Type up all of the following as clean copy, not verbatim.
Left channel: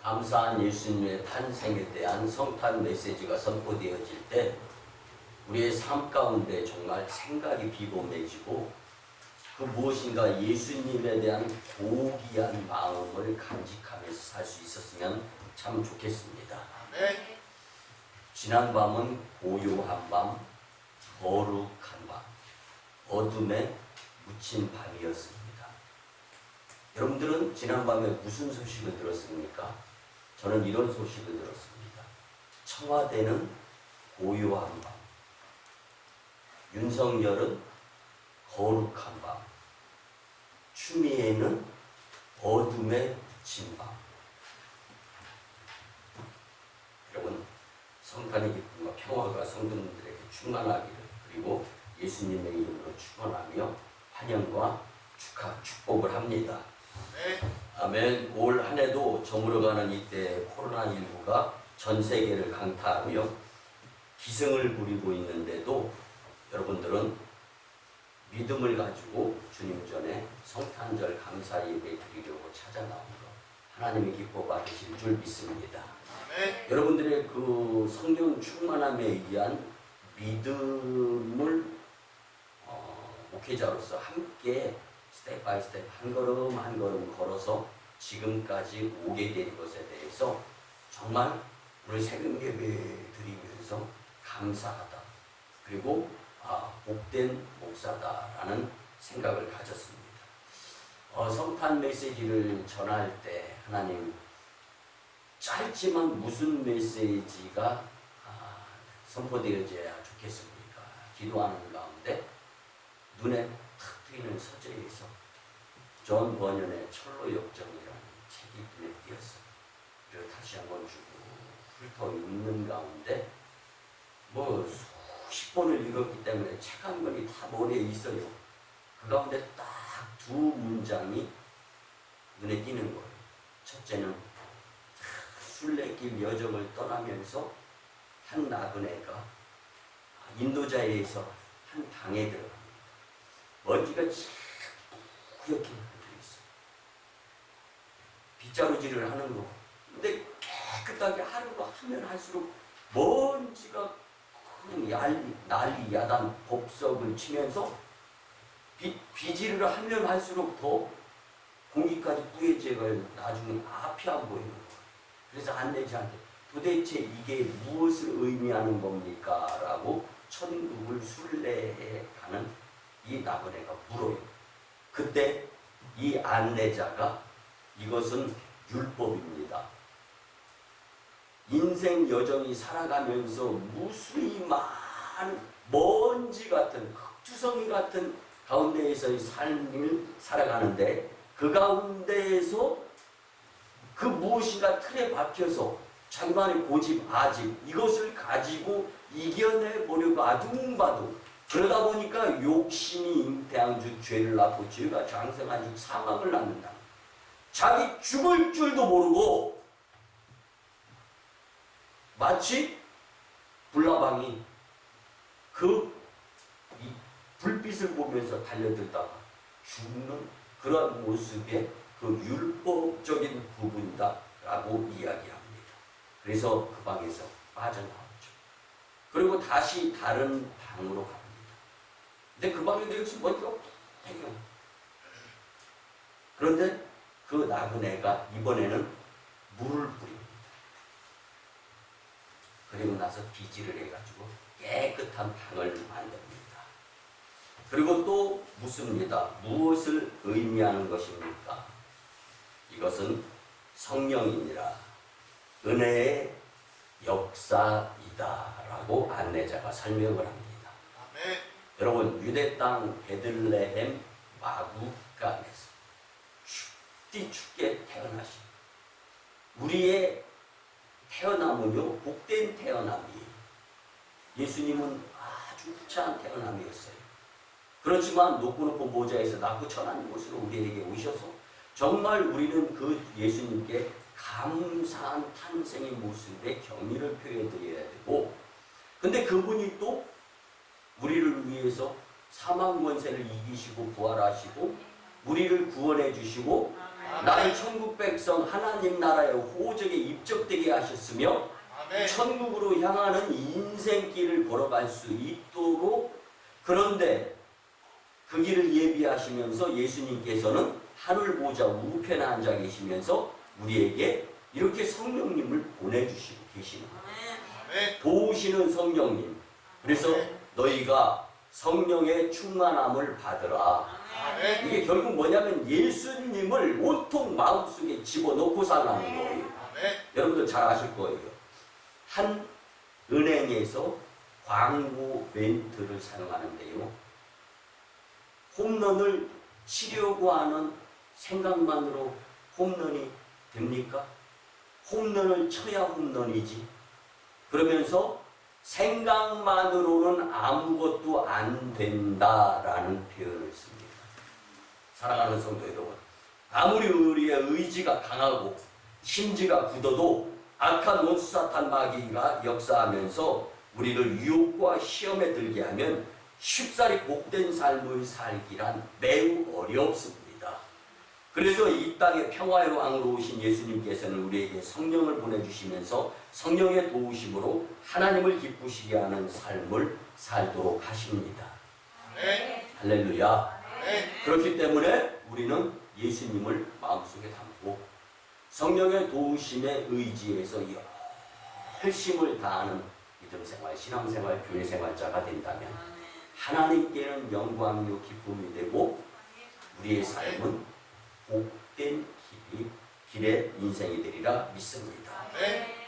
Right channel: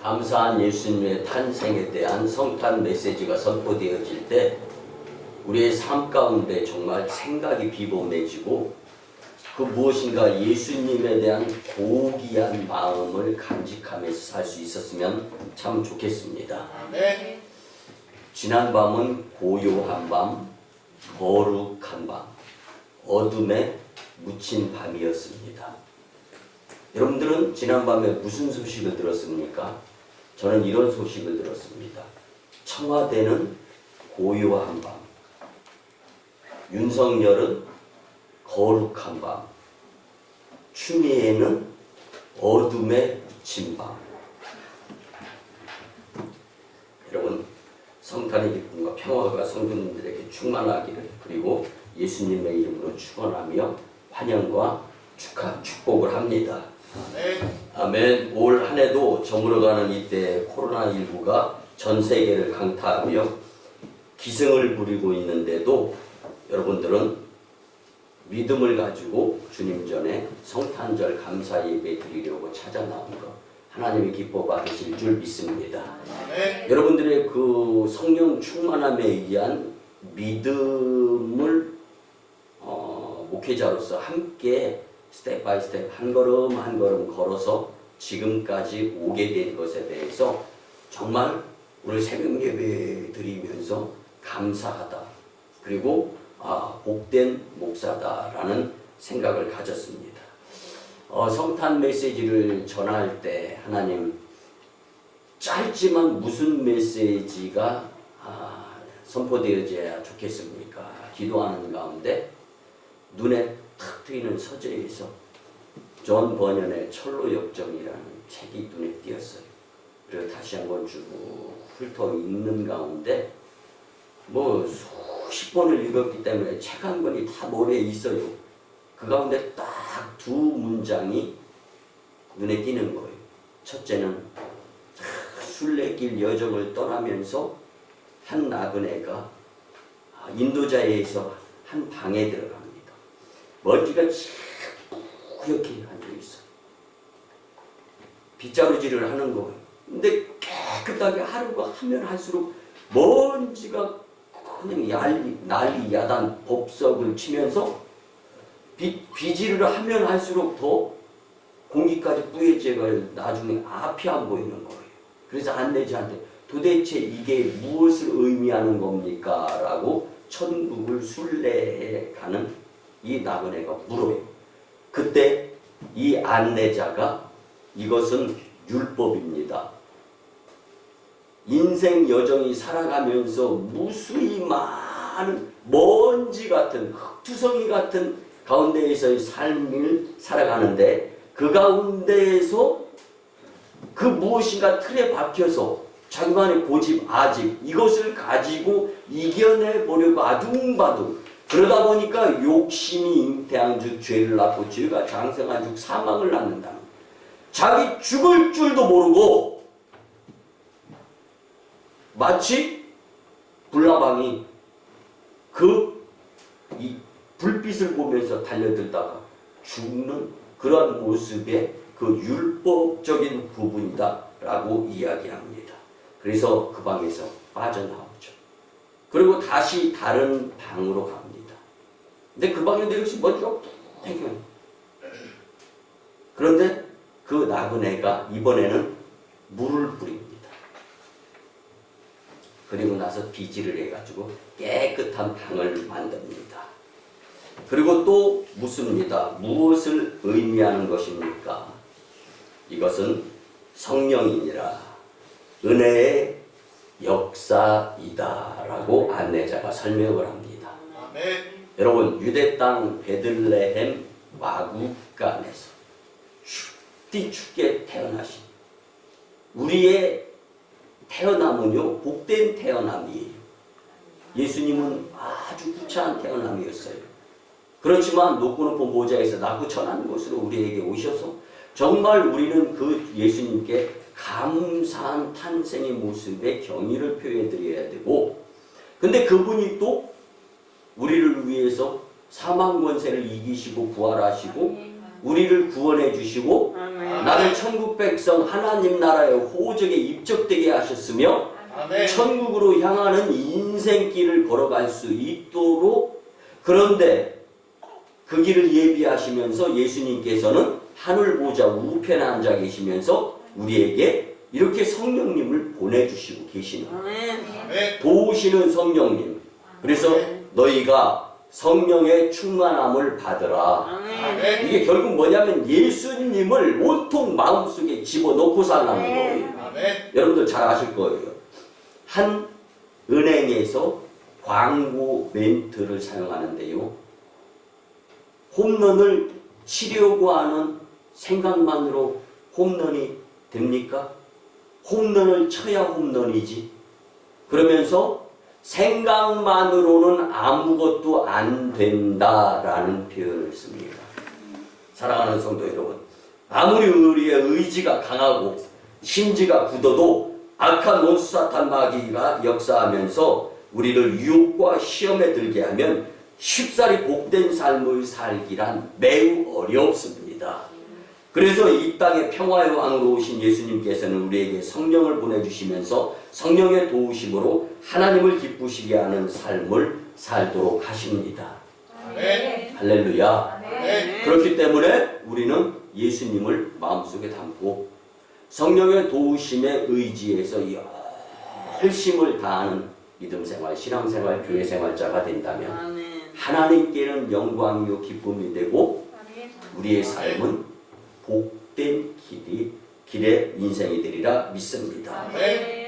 감사한 예수님의 탄생에 대한 성탄 메시지가 선포되어질 때 우리의 삶 가운데 정말 생각이 비범해지고 그 무엇인가 예수님에 대한 고귀한 마음을 간직하면서 살 수 있었으면 참 좋겠습니다. 네. 지난 밤은 고요한 밤, 거룩한 밤, 어둠에 묻힌 밤이었습니다. 여러분들은 지난밤에 무슨 소식을 들었습니까? 저는 이런 소식을 들었습니다. 청와대는 고요한 밤, 윤석열은 거룩한 밤, 추미애는 어둠에 묻힌 밤. 여러분, 성탄의 기쁨과 평화가 성도님들에게 충만하기를, 그리고 예수님의 이름으로 축원하며 환영과 축복을 합니다. 아멘. 올 한 해도 저물어가는 이때 코로나19가 전 세계를 강타하며 기승을 부리고 있는데도 여러분들은 믿음을 가지고 주님 전에 성탄절 감사 예배 드리려고 찾아 나온 것 하나님이 기뻐 받으실 줄 믿습니다. 여러분들의 그 성령 충만함에 의한 믿음을 목회자로서 함께 스텝 바이 스텝 한 걸음 한 걸음 걸어서 지금까지 오게 된 것에 대해서 정말 오늘 새벽 예배 드리면서 감사하다. 그리고 복된 목사다라는 생각을 가졌습니다. 성탄 메시지를 전할 때 하나님 짧지만 무슨 메시지가 선포되어져야 좋겠습니까? 기도하는 가운데 눈에 탁 트이는 서재에서 존 버년의 철로역정이라는 책이 눈에 띄었어요. 그리고 다시 한번 쭉 훑어 읽는 가운데 수십 번을 읽었기 때문에 책 한 권이 다 머리에 있어요. 그 가운데 딱 두 문장이 눈에 띄는 거예요. 첫째는 순례길 여정을 떠나면서 한 나그네가 인도자에서 한 방에 들어갑니다. 먼지가 뿌옇게 앉아있어요. 빗자루질을 하는 거예요. 근데 깨끗하게 하루가 하면 할수록 먼지가 그냥 난리 야단 법석을 치면서 비질을 하면 할수록 더 공기까지 뿌얘져가 나중에 앞이 안 보이는 거예요. 그래서 안내자한테 도대체 이게 무엇을 의미하는 겁니까? 라고 천국을 순례해 가는 이 나그네가 물어요. 그때 이 안내자가 이것은 율법입니다. 인생 여정이 살아가면서 무수히 많은 먼지 같은 흙투성이 같은 가운데에서의 삶을 살아가는데 그 가운데에서 그 무엇인가 틀에 박혀서 자기만의 고집, 아집 이것을 가지고 이겨내 보려고 아둥바둥 그러다 보니까 욕심이 잉태한즉 죄를 낳고 죄가 장성한즉 사망을 낳는다. 자기 죽을 줄도 모르고 마치 불나방이 이 불빛을 보면서 달려들다가 죽는 그런 모습의 그 율법적인 부분이다 라고 이야기합니다. 그래서 그 방에서 빠져나오죠. 그리고 다시 다른 방으로 갑니다. 근데 그 방에도 역시 먼지가 땡겨요. 그런데 그 나그네가 이번에는 물을 뿌립니다. 그리고 나서 비질을 해가지고 깨끗한 방을 만듭니다. 그리고 또 묻습니다. 무엇을 의미하는 것입니까? 이것은 성령이니라 은혜의 역사이다 라고 안내자가 설명을 합니다. 아멘. 여러분 유대 땅 베들레헴 마구간에서 춥디 춥게 태어나신 우리의 태어남은요 복된 태어남이에요. 예수님은 아주 구차한 태어남이었어요. 그렇지만 높고 높은 보좌에서 낮고 천한 곳으로 우리에게 오셔서 정말 우리는 그 예수님께 감사한 탄생의 모습에 경의를 표해드려야 되고 근데 그분이 또 우리를 위해서 사망 권세를 이기시고 부활하시고 우리를 구원해 주시고 나를 천국 백성 하나님 나라의 호적에 입적되게 하셨으며 천국으로 향하는 인생길을 걸어갈 수 있도록, 그런데 그 길을 예비하시면서 예수님께서는 하늘 보좌 우편에 앉아 계시면서 우리에게 이렇게 성령님을 보내주시고 계시는 거예요. 도우시는 성령님. 그래서 너희가 성령의 충만함을 받으라. 이게 결국 뭐냐면 예수님을 온통 마음속에 집어넣고 살라는 거예요. 여러분들 잘 아실 거예요. 한 은행에서 광고 멘트를 사용하는데요, 홈런을 치려고 하는 생각만으로 홈런이 됩니까? 홈런을 쳐야 홈런이지. 그러면서 생각만으로는 아무것도 안 된다라는 표현을 씁니다. 사랑하는 성도 여러분, 아무리 우리의 의지가 강하고 심지가 굳어도 악한 원수 사탄 마귀가 역사하면서 우리를 유혹과 시험에 들게 하면 쉽사리 복된 삶을 살기란 매우 어렵습니다. 그래서 이 땅에 평화의 왕으로 오신 예수님께서는 우리에게 성령을 보내주시면서 성령의 도우심으로 하나님을 기쁘시게 하는 삶을 살도록 하십니다. 할렐루야. 그렇기 때문에 우리는 예수님을 마음속에 담고 성령의 도우심에 의지해서 열심을 다하는 믿음생활, 신앙생활, 교회생활자가 된다면 하나님께는 영광이요 기쁨이 되고 우리의 삶은 복된 길의 인생이 되리라 믿습니다.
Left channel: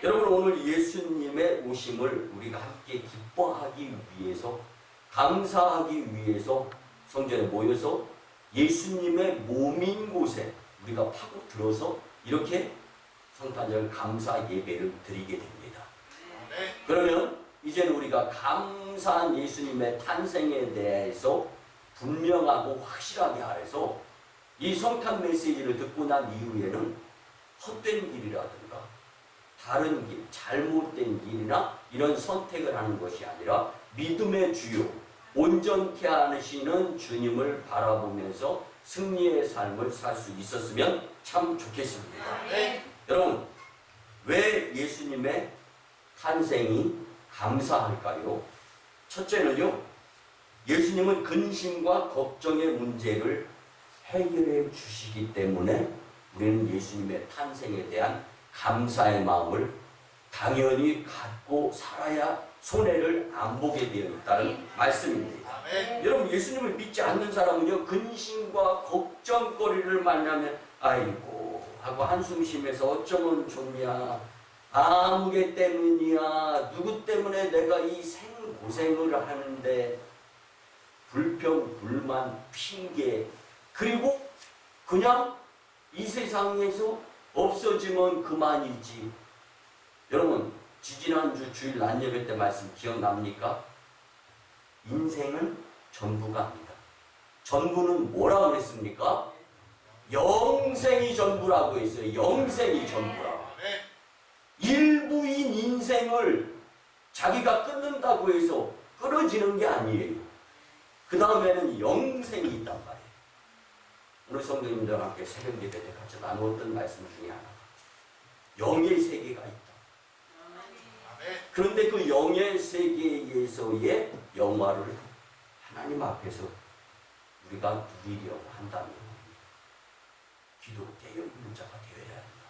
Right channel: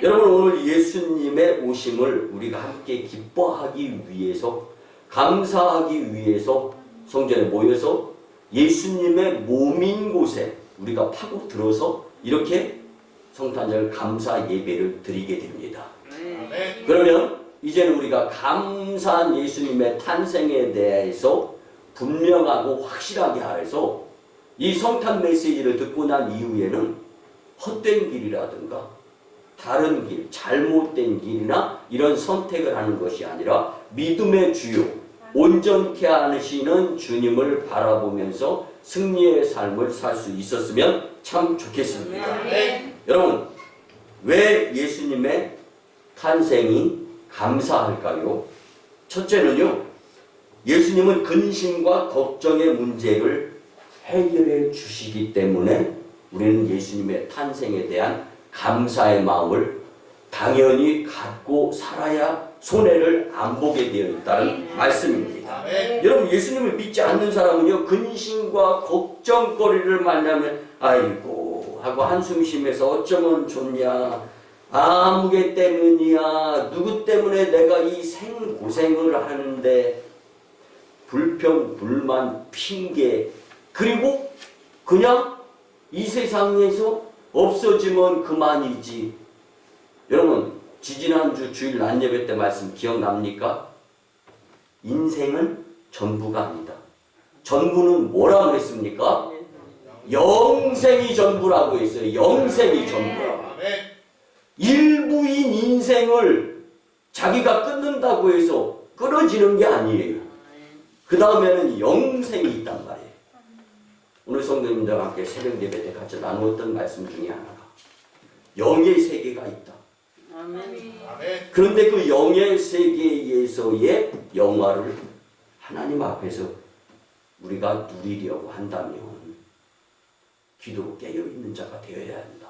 여러분, 오늘 예수님의 오심을 우리가 함께 기뻐하기 위해서, 감사하기 위해서 성전에 모여서 예수님의 몸인 곳에 우리가 파고들어서 이렇게 성탄절 감사 예배를 드리게 됩니다. 그러면 이제는 우리가 감사한 예수님의 탄생에 대해서 분명하고 확실하게 하여서 이 성탄 메시지를 듣고 난 이후에는 헛된 길이라든가 다른 길, 잘못된 길이나 이런 선택을 하는 것이 아니라 믿음의 주요, 온전케 하시는 주님을 바라보면서 승리의 삶을 살 수 있었으면 참 좋겠습니다. 여러분, 왜 예수님의 탄생이 감사할까요? 첫째는요, 예수님은 근심과 걱정의 문제를 해결해 주시기 때문에 우리는 예수님의 탄생에 대한 감사의 마음을 당연히 갖고 살아야 손해를 안 보게 되어 있다는 말씀입니다. 여러분, 예수님을 믿지 않는 사람은요, 근심과 걱정거리를 만나면 아이고 하고 한숨 쉬면서 어쩌면 좋냐, 아무개 때문이야, 누구 때문에 내가 이 생고생을 하는데, 불평, 불만, 핑계, 그리고 그냥 이 세상에서 없어지면 그만이지. 여러분, 지지난주 주일 낮예배 때 말씀 기억납니까? 인생은 전부가 아니다. 전부는 뭐라고 했습니까? 영생이 전부라고 했어요. 영생이 전부라고. 일부인 인생을 자기가 끊는다고 해서 끊어지는 게 아니에요. 그 다음에는 영생이 있단 말이에요. 오늘 성도님들과 함께 새벽 예배 때 같이 나누었던 말씀 중에 하나가 영의 세계가 있다. 그런데 그 영의 세계에서의 영화를 하나님 앞에서 우리가 누리려고 한다면 기도로 깨어있는 자가 되어야 한다.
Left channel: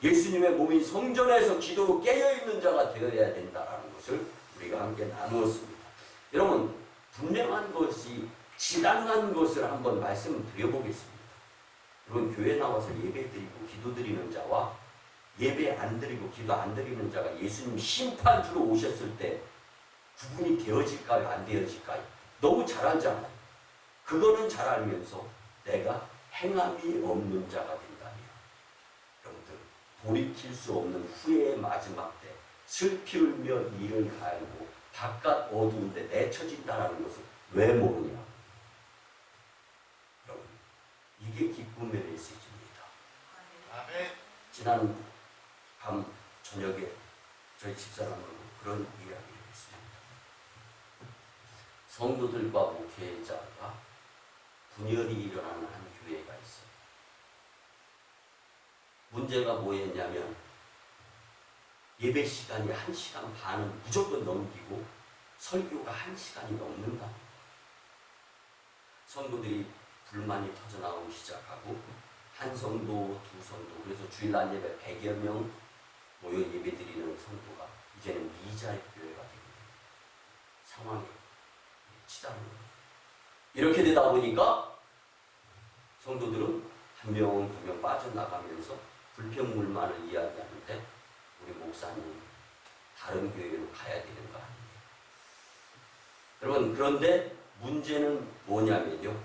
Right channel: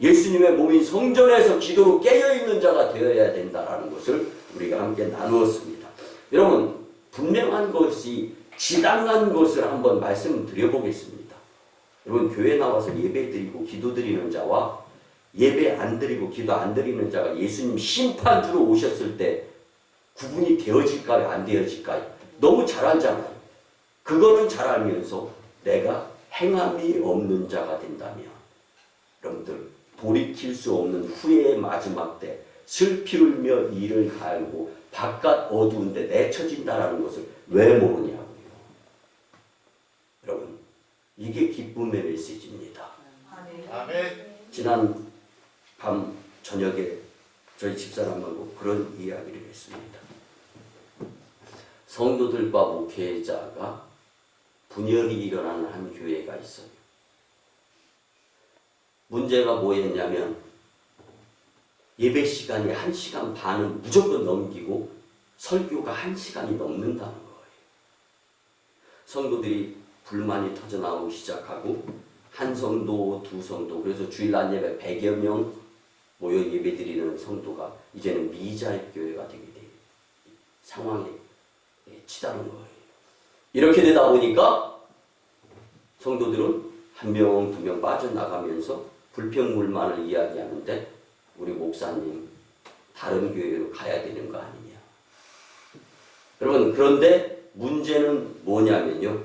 예수님의 몸인 성전에서 기도로 깨어있는 자가 되어야 된다는 것을 우리가 함께 나누었습니다. 여러분, 분명한 것이 지당한 것을 한번 말씀드려보겠습니다. 여러분, 교회 나와서 예배 드리고 기도 드리는 자와 예배 안 드리고 기도 안 드리는 자가 예수님 심판주로 오셨을 때 구분이 되어질까요? 안 되어질까요? 너무 잘 알잖아요. 그거는 잘 알면서 내가 행함이 없는 자가 된다면, 여러분들, 돌이킬 수 없는 후회의 마지막 때 슬피 울며 이를 갈고 바깥 어두운데 내쳐진다는 것을 왜 모르냐고요. 여러분, 이게 기쁨의 메시지입니다. 지난 밤 저녁에 저희 집사람하고 그런 이야기를 했습니다. 성도들과 목회자가 분열이 일어나는 한 교회가 있어요. 문제가 뭐였냐면 예배 시간이 1시간 반은 무조건 넘기고 설교가 1시간이 넘는다는 거예요. 성도들이 불만이 터져나오기 시작하고 한 성도, 두 성도, 그래서 주일 낮 예배 100여 명 모여 예배드리는 성도가 이제는 미자의 교회가 되게 돼요. 상황에 치닫는 거예요. 이렇게 되다 보니까 성도들은 한 명, 두 명 빠져나가면서 불평불만을 이야기하는데 우리 목사님 다른 교회로 가야 되는 거 아니냐. 여러분, 그런데 문제는 뭐냐면요.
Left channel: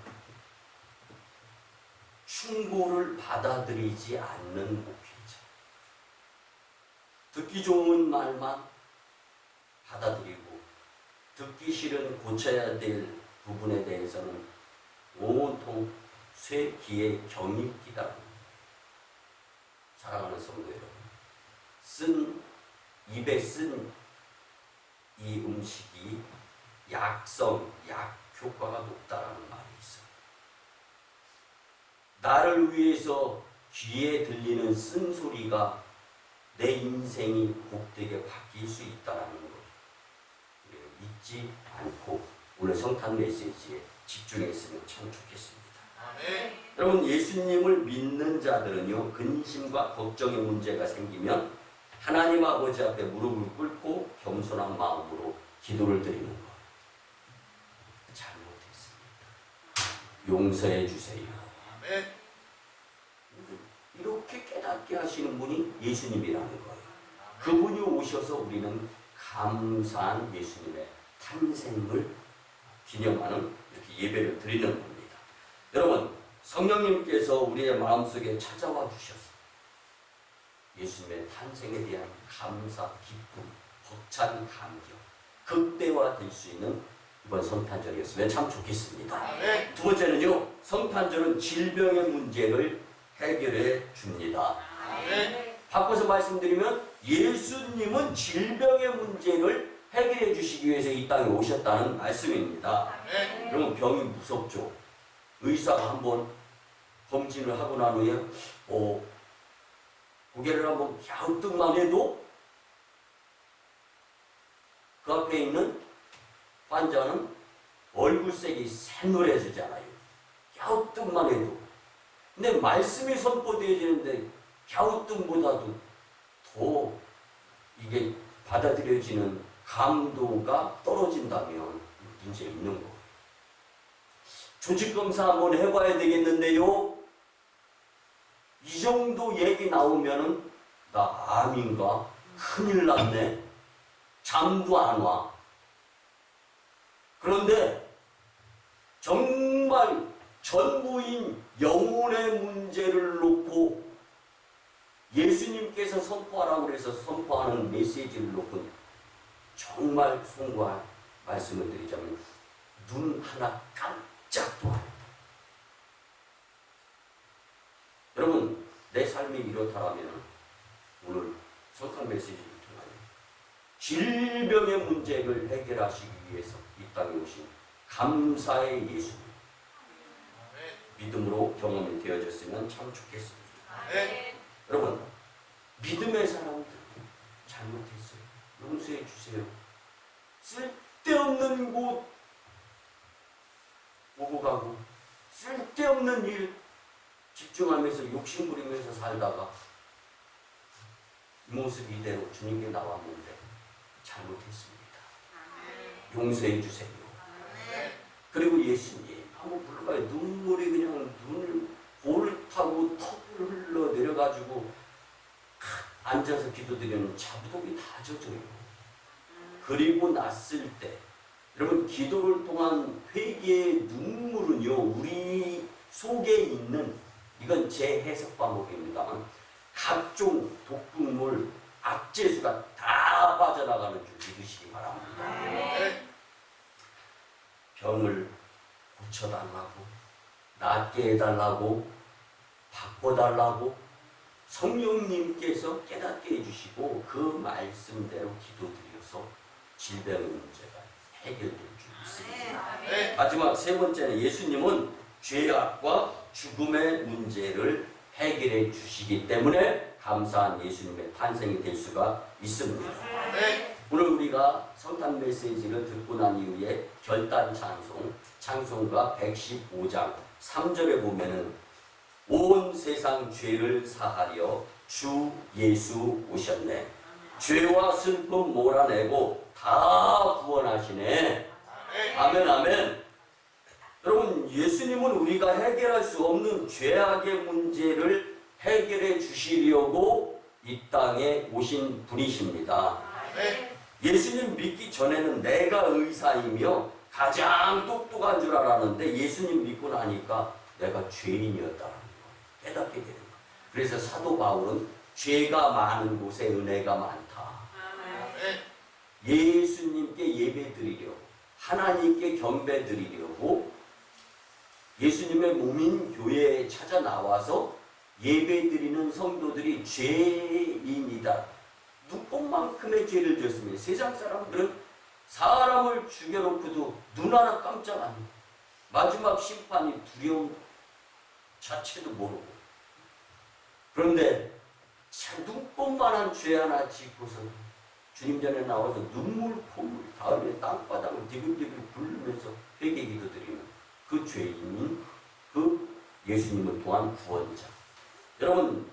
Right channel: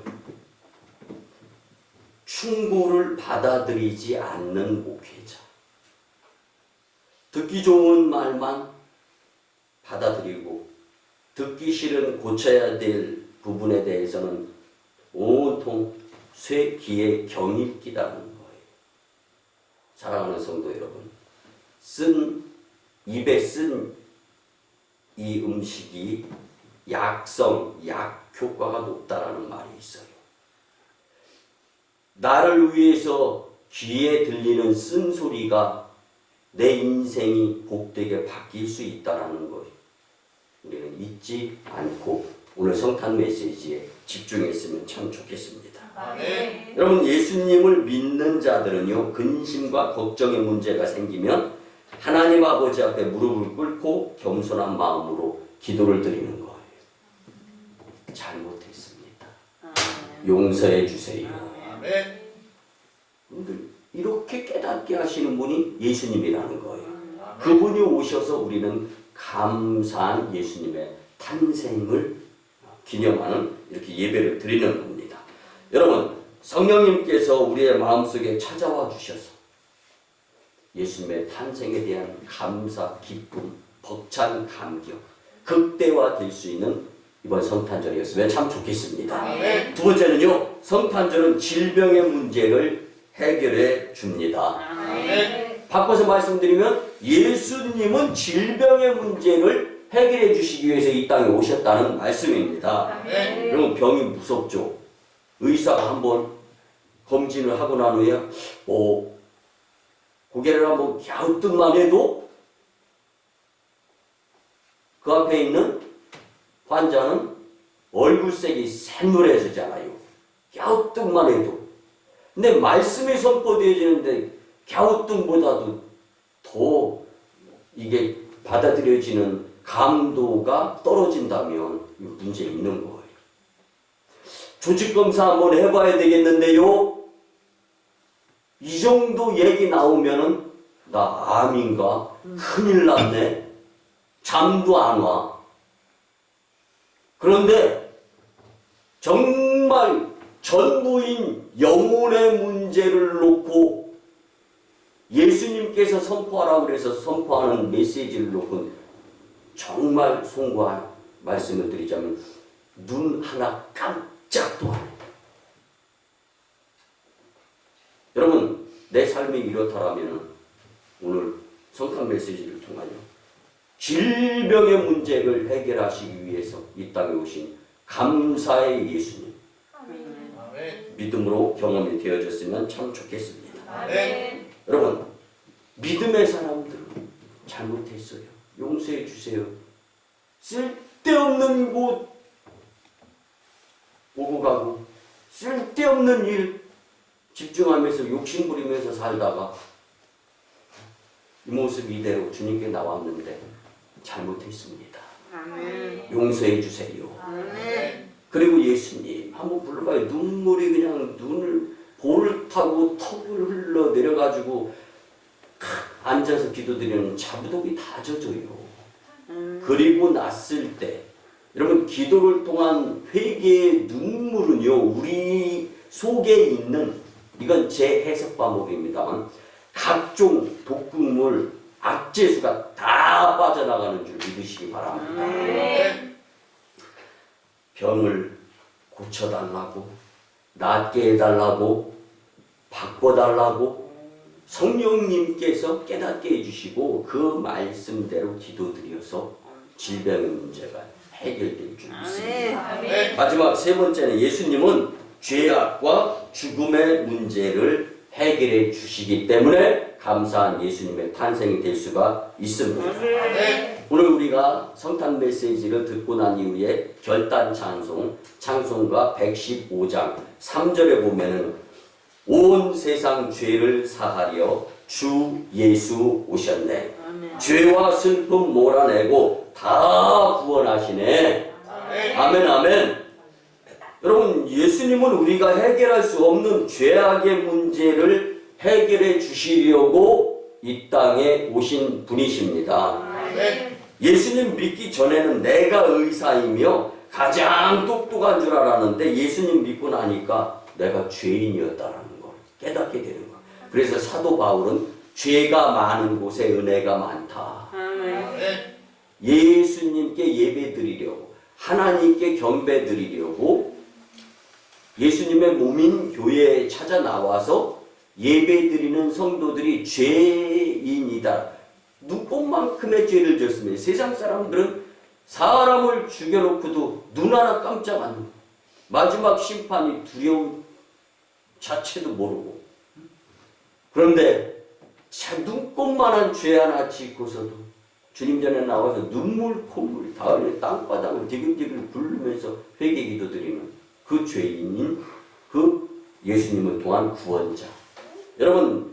충고를 받아들이지 않는 목회자. 듣기 좋은 말만 받아들이고 듣기 싫은 고쳐야 될 부분에 대해서는 온통 쇠 귀에 경이 끼다는 거예요. 사랑하는 성도 여러분, 입에 쓴 이 음식이 약 효과가 높다라는 말이 있어요. 나를 위해서 귀에 들리는 쓴소리가 내 인생이 복되게 바뀔 수 있다는 걸 우리는 잊지 않고 오늘 성탄 메시지에 집중했으면 참 좋겠습니다. 네. 여러분, 예수님을 믿는 자들은요, 근심과 걱정의 문제가 생기면 하나님 아버지 앞에 무릎을 꿇고 겸손한 마음으로 기도를 드리는 거예요. 잘못했습니다. 용서해 주세요. 아멘. 이렇게 깨닫게 하시는 분이 예수님이라는 거예요. 그분이 오셔서 우리는 감사한 예수님의 탄생을 기념하는 이렇게 예배를 드리는 겁니다. 여러분, 성령님께서 우리의 마음속에 찾아와 주셔서 예수님의 탄생에 대한 감사, 기쁨, 벅찬 감격, 극대화될 수 있는 이번 성탄절이었으면 참 좋겠습니다. 아멘. 두 번째는요, 성탄절은 질병의 문제를 해결해 줍니다. 아멘. 바꿔서 말씀드리면 예수님은 질병의 문제를 해결해 주시기 위해서 이 땅에 오셨다는 말씀입니다. 아멘. 그러면 병이 무섭죠. 의사가 한번 검진을 하고 난 후에 고개를 한번 갸우뚱만 해도 그 앞에 있는 환자는 얼굴색이 샛노래지잖아요. 갸우뚱만 해도. 근데 말씀이 선포되어지는데 갸우뚱보다도 더 이게 받아들여지는 감도가 떨어진다면 문제 있는 거예요. 조직검사 한번 해봐야 되겠는데요. 이 정도 얘기 나오면은 나 암인가? 큰일 났네. 잠도 안 와. 그런데 정말 전부인 영혼의 문제를 놓고 예수님께서 선포하라고 그래서 선포하는 메시지를 놓고 정말 송구한 말씀을 드리자면 눈 하나 깜짝도 안 한다. 여러분, 내 삶이 이렇다라면 오늘 성탄 메시지를 통하여 질병의 문제를 해결하시기 위해서 이 땅에 오신 감사의 예수님 믿음으로 경험이 되어졌으면 참 좋겠습니다. 네. 여러분, 믿음의 사람들 잘못했어요. 용서해 주세요. 쓸데없는 곳 오고 가고 쓸데없는 일 집중하면서 욕심부리면서 살다가 이 모습 이대로 주님께 나왔는데 잘못했습니다. 용서해 주세요. 그리고 예수님 한번 불러봐요. 눈물이 그냥 눈을 볼을 타고 턱을 흘러 내려가지고 앉아서 기도드리는 자부독이 다 젖어요. 그리고 났을 때 여러분, 기도를 통한 회개의 눈물은요, 우리 속에 있는, 이건 제 해석 방법입니다만, 각종 독극물, 악재수가 다 빠져나가는 줄 믿으시기 바랍니다. 병을 고쳐달라고, 낫게 해달라고, 바꿔달라고 성령님께서 깨닫게 해주시고 그 말씀대로 기도드려서 질병의 문제가 해결될 줄 믿습니다. 마지막 세 번째는 예수님은 죄악과 죽음의 문제를 해결 해결해 주시기 때문에 감사한 예수님의 탄생이 될 수가 있습니다. 아멘. 오늘 우리가 성탄 메시지를 듣고 난 이후에 결단 찬송, 찬송가 115장 3절에 보면은 온 세상 죄를 사하려 주 예수 오셨네. 죄와 슬픔 몰아내고 다 구원하시네. 아멘, 아멘. 여러분, 예수님은 우리가 해결할 수 없는 죄악의 문제를 해결해 주시려고 이 땅에 오신 분이십니다. 아멘. 예수님 믿기 전에는 내가 의사이며 가장 똑똑한 줄 알았는데 예수님 믿고 나니까 내가 죄인이었다는 걸 깨닫게 되는 거. 그래서 사도 바울은 죄가 많은 곳에 은혜가 많다. 아멘. 예수님께 예배드리려고, 하나님께 경배드리려고 예수님의 몸인 교회에 찾아 나와서 예배드리는 성도들이 죄인이다. 눈꽃만큼의 죄를 졌습니다. 세상 사람들은 사람을 죽여놓고도 눈 하나 깜짝 안 해요. 마지막 심판이 두려움 자체도 모르고. 그런데 눈꽃만한 죄 하나 짓고서도 주님 전에 나와서 눈물 콧물 가을에 땅바닥을 디글디글 굴르면서 회개 기도드리는 그 죄인인 그 예수님은 또한 구원자. 여러분,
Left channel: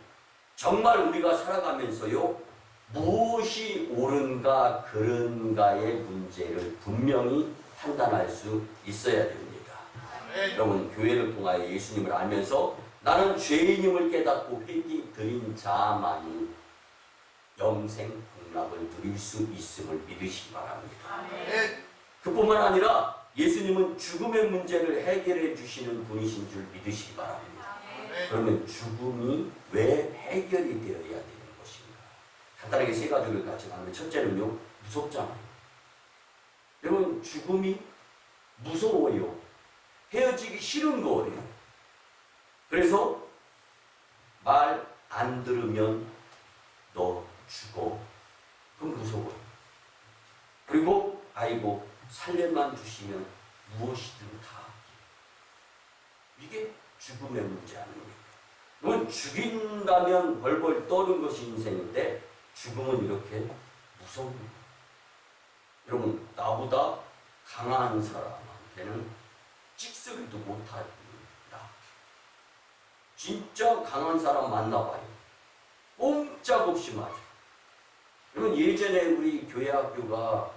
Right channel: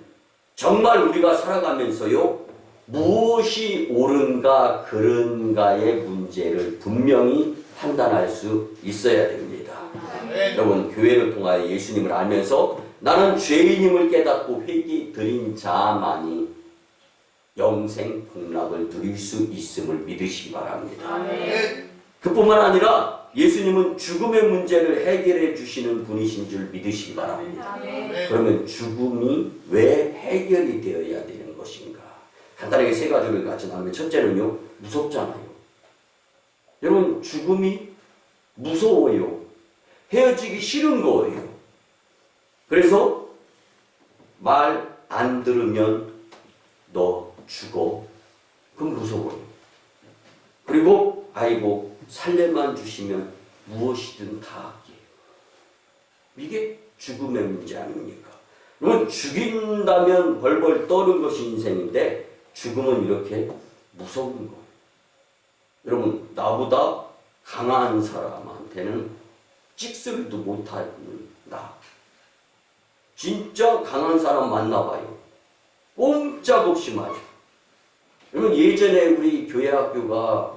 정말 우리가 살아가면서요, 무엇이 옳은가 그른가의 문제를 분명히 판단할 수 있어야 됩니다. 아멘. 여러분, 교회를 통하여 예수님을 알면서 나는 죄인임을 깨닫고 회개 드린 자만이 영생 복락을 누릴 수 있음을 믿으시기 바랍니다. 아멘. 그뿐만 아니라 예수님은 죽음의 문제를 해결해 주시는 분이신 줄 믿으시기 바랍니다. 아멘. 그러면 죽음이 왜 해결이 되어야 되는 것인가? 간단하게 세 가지를 같이 나누면, 첫째는요, 무섭잖아요. 여러분, 죽음이 무서워요. 헤어지기 싫은 거예요. 그래서 말 안 들으면 너 죽어. 그럼 무서워요. 그리고 아이고 살려만 주시면 무엇이든 다 할게. 이게 죽음의 문제 아닙니까? 그러면 죽인다면 벌벌 떠는 것이 인생인데 죽음은 이렇게 무서운 거예요. 여러분, 나보다 강한 사람한테는 찍소리도 못하는 나. 진짜 강한 사람 만나봐요. 꼼짝없이 맞아. 여러분, 예전에 우리 교회 학교가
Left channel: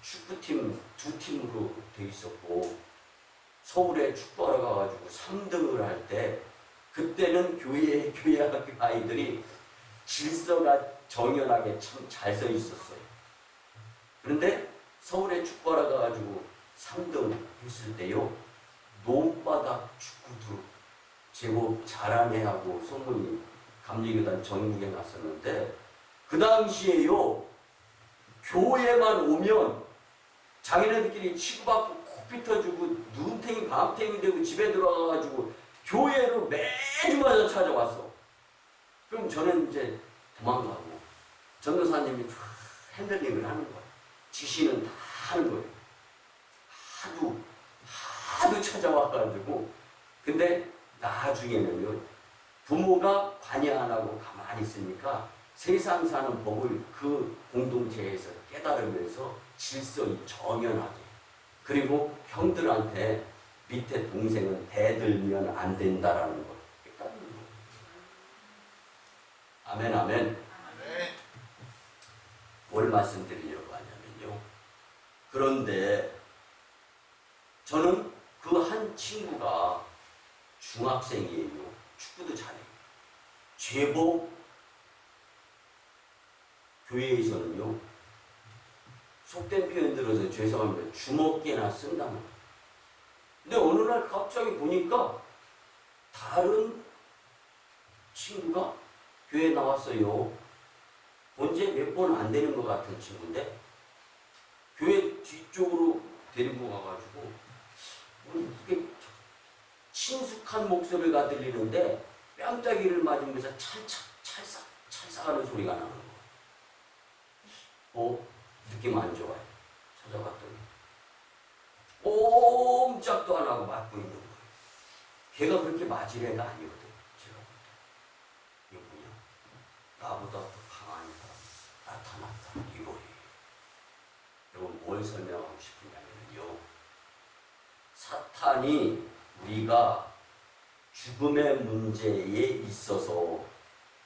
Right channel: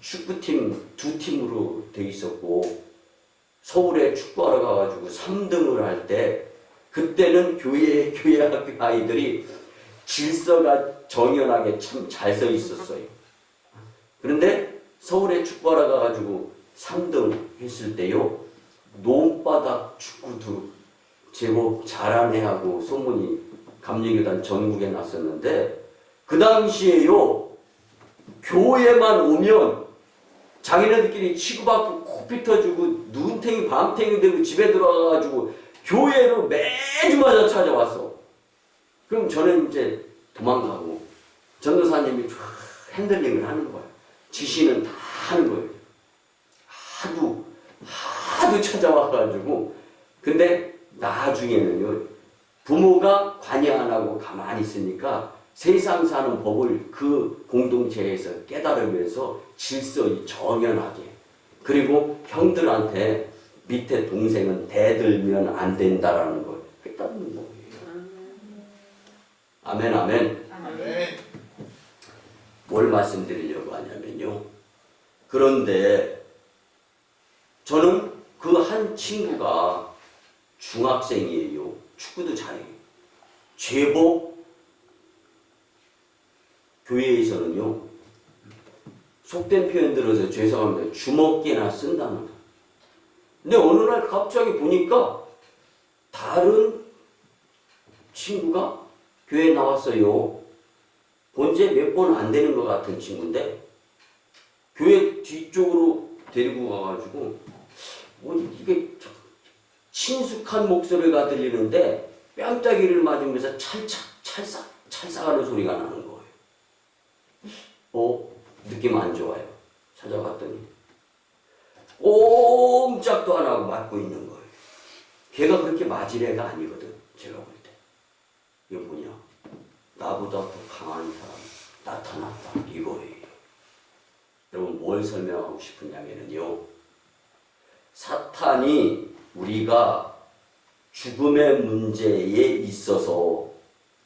축구팀 두 팀으로 돼 있었고 서울에 축구하러 가가지고 3등을 할 때 그때는 교회 학교 아이들이 질서가 정연하게 참 잘 서 있었어요. 그런데 서울에 축구하러 가가지고 3등 했을 때요, 논바닥 축구도 제법 잘하네 하고 소문이 감리교단 전국에 났었는데, 그 당시에요, 교회만 오면 자기네들끼리 치고받고 코피터주고 눈탱이 밤탱이 되고 집에 들어가가지고 교회로 매주마다 찾아왔어. 그럼 저는 이제 도망가고 전도사님이 쫙 핸들링을 하는 거야. 지시는 다 하는 거예요. 하도 찾아와가지고. 근데 나중에는요, 부모가 관여 안 하고 가만히 있으니까 세상 사는 법을 그 공동체에서 깨달으면서 질서 정연하게, 그리고 형들한테 밑에 동생은 대들면 안 된다라는 걸 깨닫는 거예요. 아멘, 아멘. 아멘. 뭘 말씀드리려고 하냐면요, 그런데 저는 그 한 친구가 중학생이에요. 축구도 잘해요. 제법 교회에서는요, 속된 표현 들어서 죄송합니다, 주먹개나 쓴다는 거. 근데 어느 날 갑자기 보니까 다른 친구가 교회에 나왔어요. 본지 몇 번 안 되는 것 같은 친구인데 교회 뒤쪽으로 데리고 가가지고 이게 친숙한 목소리가 들리는데 뺨따기를 맞으면서 찰싹하는 소리가 나는 거예요. 느낌 안 좋아요. 찾아봤더니 꼼짝도 안 하고 맞고 있는 거예요. 걔가 그렇게 맞을 애가 아니거든, 제가 볼 때. 나보다 더 강한 사람 나타났다 이거예요. 여러분 뭘 설명하고 싶으냐면요, 사탄이 우리가 죽음의 문제에 있어서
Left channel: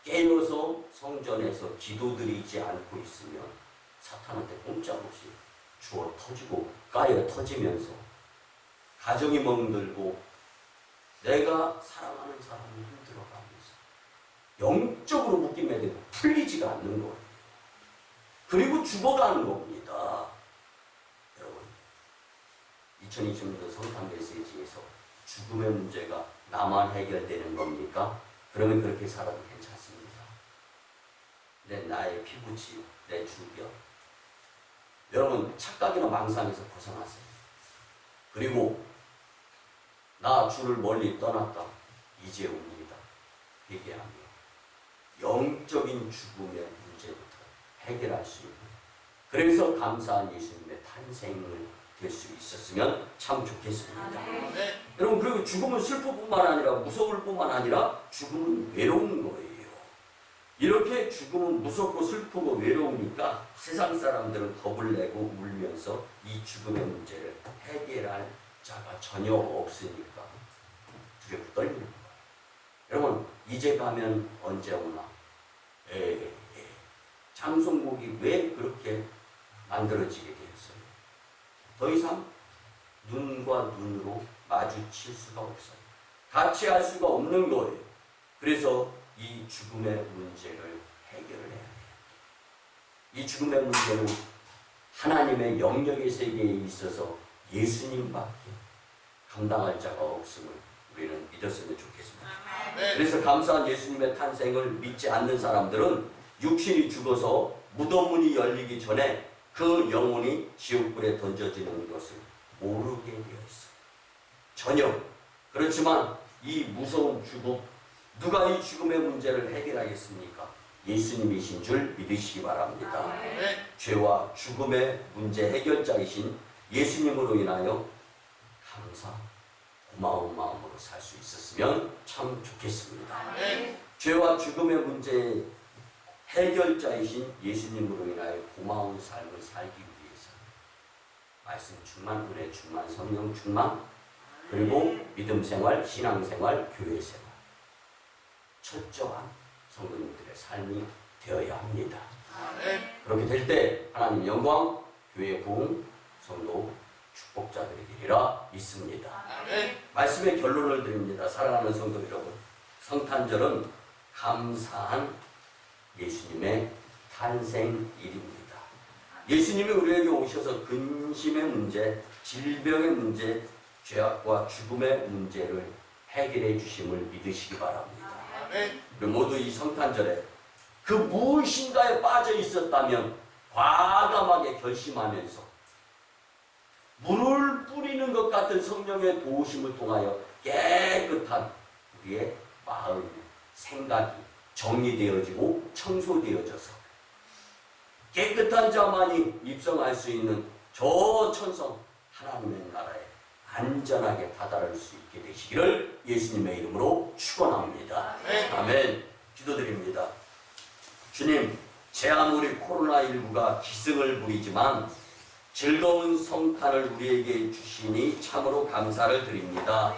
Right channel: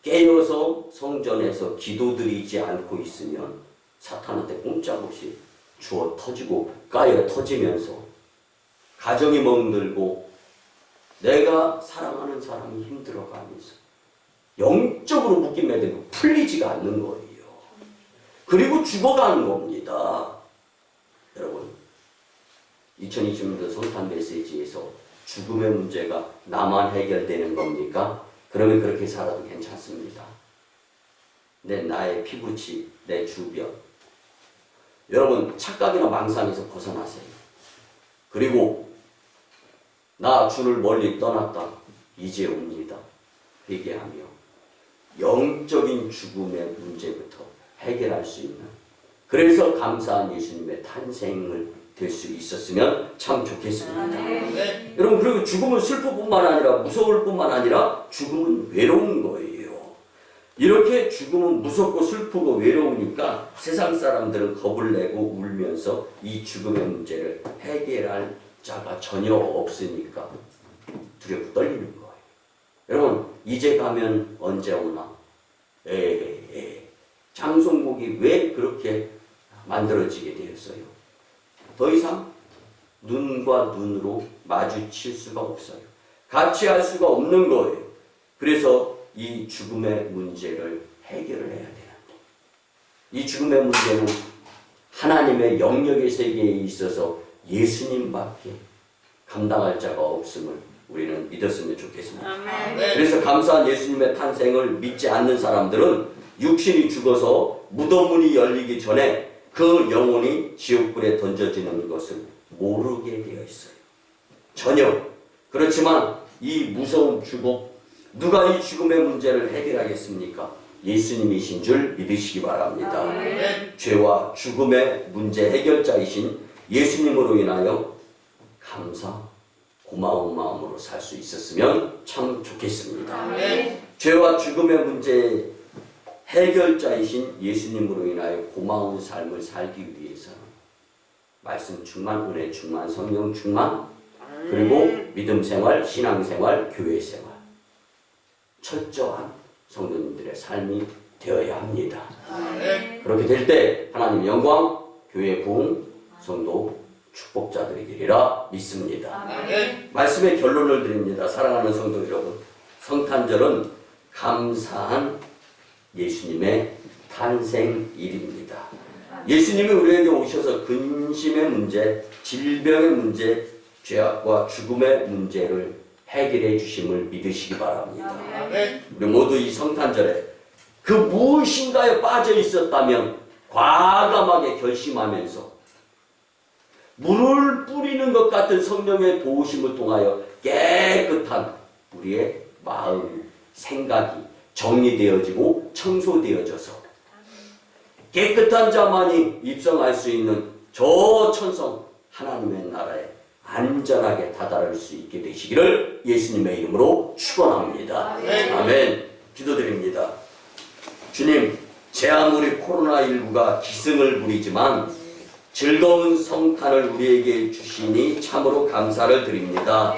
깨어서 성전에서 기도드리지 않고 있으면 사탄한테 꼼짝없이 주어 터지고 까여 터지면서 가정이 멍들고 내가 사랑하는 사람이 힘들어가면서 영적으로 묶임에 되고 풀리지가 않는 거예요. 그리고 죽어가는 겁니다. 여러분 2020년도 성탄 메시지에서 죽음의 문제가 나만 해결되는 겁니까? 그러면 그렇게 살아도 괜찮습니다. 나의 피부치, 내 주변. 여러분 착각이나 망상에서 벗어나세요. 그리고 나 주를 멀리 떠났다. 이제 옵니다. 회개하며 영적인 죽음의 문제부터 해결할 수 있는, 그래서 감사한 예수님의 탄생을 될 수 있었으면 참 좋겠습니다. 네. 여러분 그리고 죽음은 슬픔뿐만 아니라 무서울 뿐만 아니라 죽음은 외로운 거예요. 이렇게 죽음은 무섭고 슬프고 외로우니까 세상 사람들은 겁을 내고 울면서 이 죽음의 문제를 해결할 자가 전혀 없으니까 두렵고 떨리는 거예요. 여러분 이제 가면 언제 오나? 장송곡이 왜 그렇게 만들어지게 되었어요? 더 이상 눈과 눈으로 마주칠 수가 없어요. 같이 할 수가 없는 거예요. 그래서 이 죽음의 문제를 해결을 해야 돼요. 이 죽음의 문제는 하나님의 영역의 세계에 있어서 예수님밖에 감당할 자가 없음을 우리는 믿었으면 좋겠습니다. 네. 그래서 감사한 예수님의 탄생을 믿지 않는 사람들은 육신이 죽어서 무덤문이 열리기 전에 그 영혼이 지옥불에 던져지는 것을 모르게 되어 있어요. 전혀. 그렇지만 이 무서운 죽음, 누가 이 죽음의 문제를 해결하겠습니까? 예수님이신 줄 믿으시기 바랍니다. 네. 죄와 죽음의 문제 해결자이신 예수님으로 인하여 감사, 고마운 마음으로 살 수 있었으면 참 좋겠습니다. 네. 죄와 죽음의 문제 해결자이신 예수님으로 인하여 고마운 삶을 살기 위해서는 말씀 충만, 은혜 충만, 성령 충만, 그리고 믿음 생활, 신앙 생활, 교회 생활, 철저한 성도님들의 삶이 되어야 합니다. 네. 그렇게 될 때 하나님 영광, 교회 부흥, 성도 축복자들이 되리라 믿습니다. 네. 말씀의 결론을 드립니다. 사랑하는 성도 여러분, 성탄절은 감사한 예수님의 탄생일입니다. 예수님이 우리에게 오셔서 근심의 문제, 질병의 문제, 죄악과 죽음의 문제를 해결해 주심을 믿으시기 바랍니다. 네. 우리 모두 이 성탄절에 그 무엇인가에 빠져 있었다면 과감하게 결심하면서 물을 뿌리는 것 같은 성령의 도우심을 통하여 깨끗한 우리의 마음, 생각이 정리되어지고 청소되어져서 깨끗한 자만이 입성할 수 있는 저 천성 하나님의 나라에 안전하게 다다를 수 있게 되시기를 예수님의 이름으로 축원합니다. 네. 아멘. 기도드립니다. 주님, 제 아무리 코로나19가 기승을 부리지만 즐거운 성탄을 우리에게 주시니 참으로 감사를 드립니다.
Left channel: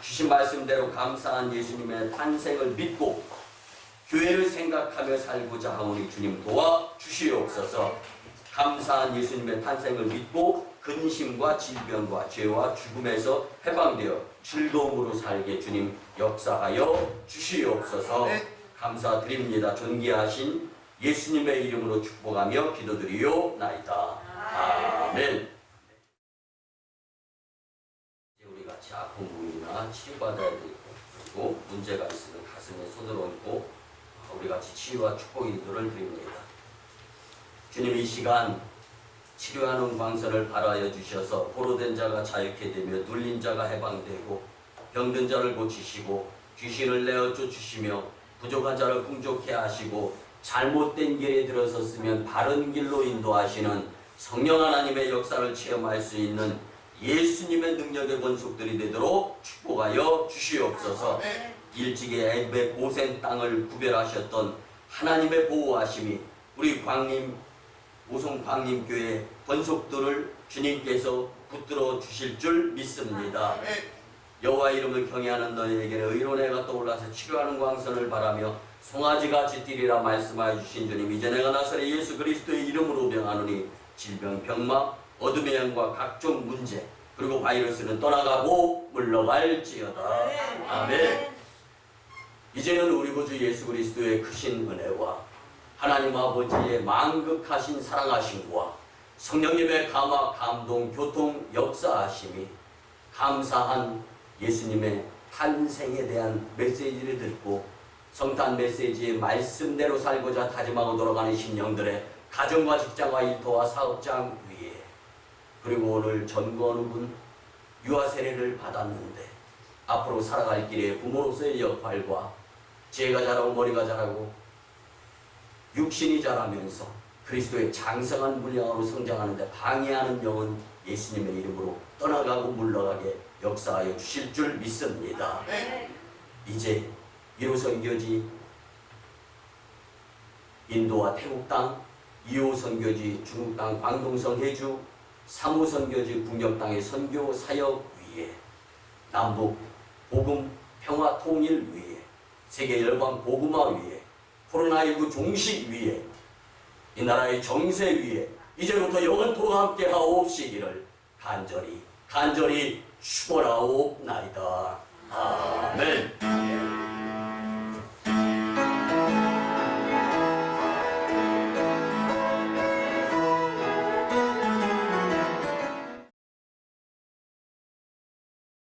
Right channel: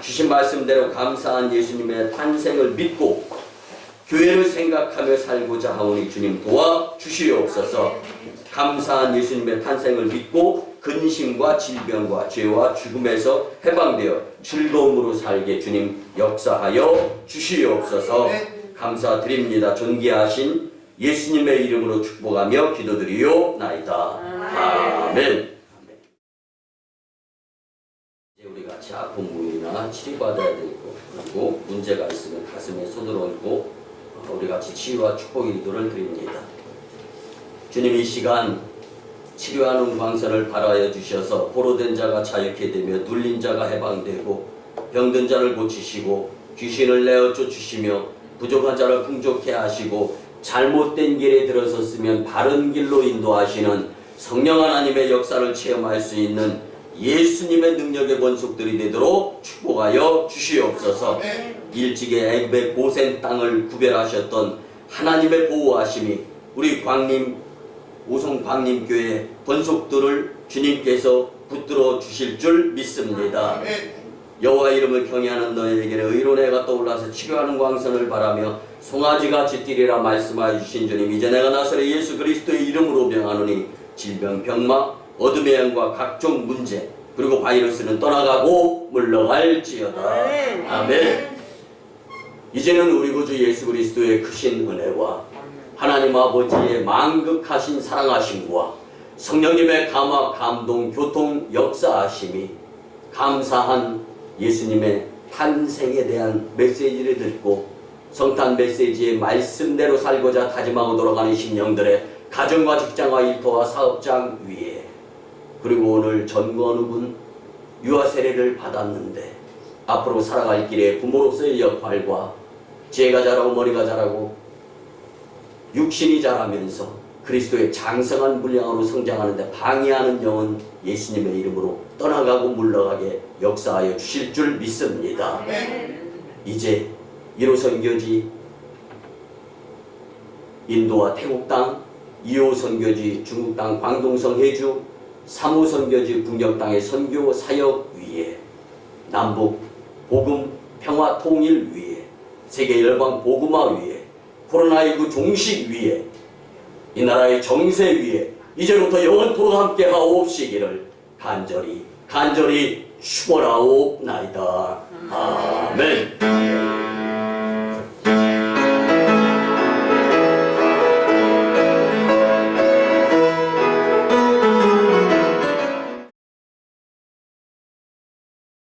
주신 말씀대로 감사한 예수님의 탄생을 믿고 교회를 생각하며 살고자 하오니 주님 도와주시옵소서. 감사한 예수님의 탄생을 믿고 근심과 질병과 죄와 죽음에서 해방되어 즐거움으로 살게 주님 역사하여 주시옵소서. 감사드립니다. 존귀하신 예수님의 이름으로 축복하며 기도드리오나이다. 아멘. 이제 우리 같이 아픈 부위나 치료받아야 되고 그리고 문제가 있으면 가슴에 손을 얹고 우리 같이 치유와 축복의 기도를 드립니다. 주님, 이 시간 치료하는 광선을 발하여 주셔서 포로된 자가 자유케 되며 눌린 자가 해방되고 병든 자를 고치시고 귀신을 내어쫓 주시며 부족한 자를 풍족케 하시고 잘못된 길에 들어섰으면 바른 길로 인도하시는 성령 하나님의 역사를 체험할 수 있는 예수님의 능력의 권속들이 되도록 축복하여 주시옵소서. 일찍이 애굽의 고센 땅을 구별하셨던 하나님의 보호하심이 우리 광림 오송 광림교회 권속들을 주님께서 붙들어 주실 줄 믿습니다. 아멘. 여호와 이름을 경외하는 너희에게는 의로운 해가 떠올라서 치료하는 광선을 바라며 송아지같이 뛰리라 말씀하여 주신 주님, 이제 내가 나사렛 예수 그리스도의 이름으로 명하노니 질병, 병마, 어둠의 영과 각종 문제 그리고 바이러스는 떠나가고 물러갈지어다. 아멘. 이제는 우리 구주 예수 그리스도의 크신 은혜와 하나님 아버지의 만극하신 사랑하심과 성령님의 감화, 감동, 교통, 역사하심이 감사한 예수님의 탄생에 대한 메시지를 듣고 성탄 메시지의 말씀대로 살고자 다짐하고 돌아가는 심령들의 가정과 직장과 일터와 사업장 위에, 그리고 오늘 전건욱은 유아 세례를 받았는데 앞으로 살아갈 길에 부모로서의 역할과 지혜가 자라고 머리가 자라고 육신이 자라면서 그리스도의 장성한 분량으로 성장하는데 방해하는 영은 예수님의 이름으로 떠나가고 물러가게 역사하여 주실 줄 믿습니다. 이제 1호 선교지 인도와 태국 땅, 2호 선교지 중국 땅 광동성 해주, 3호 선교지 북녘 땅의 선교 사역 위에, 남북 복음 평화 통일 위에, 세계 열방 복음화 위에, 코로나19 종식 위에, 이 나라의 정세 위에 이제부터 영원토록 함께 하옵시기를 간절히 축원하옵나이다.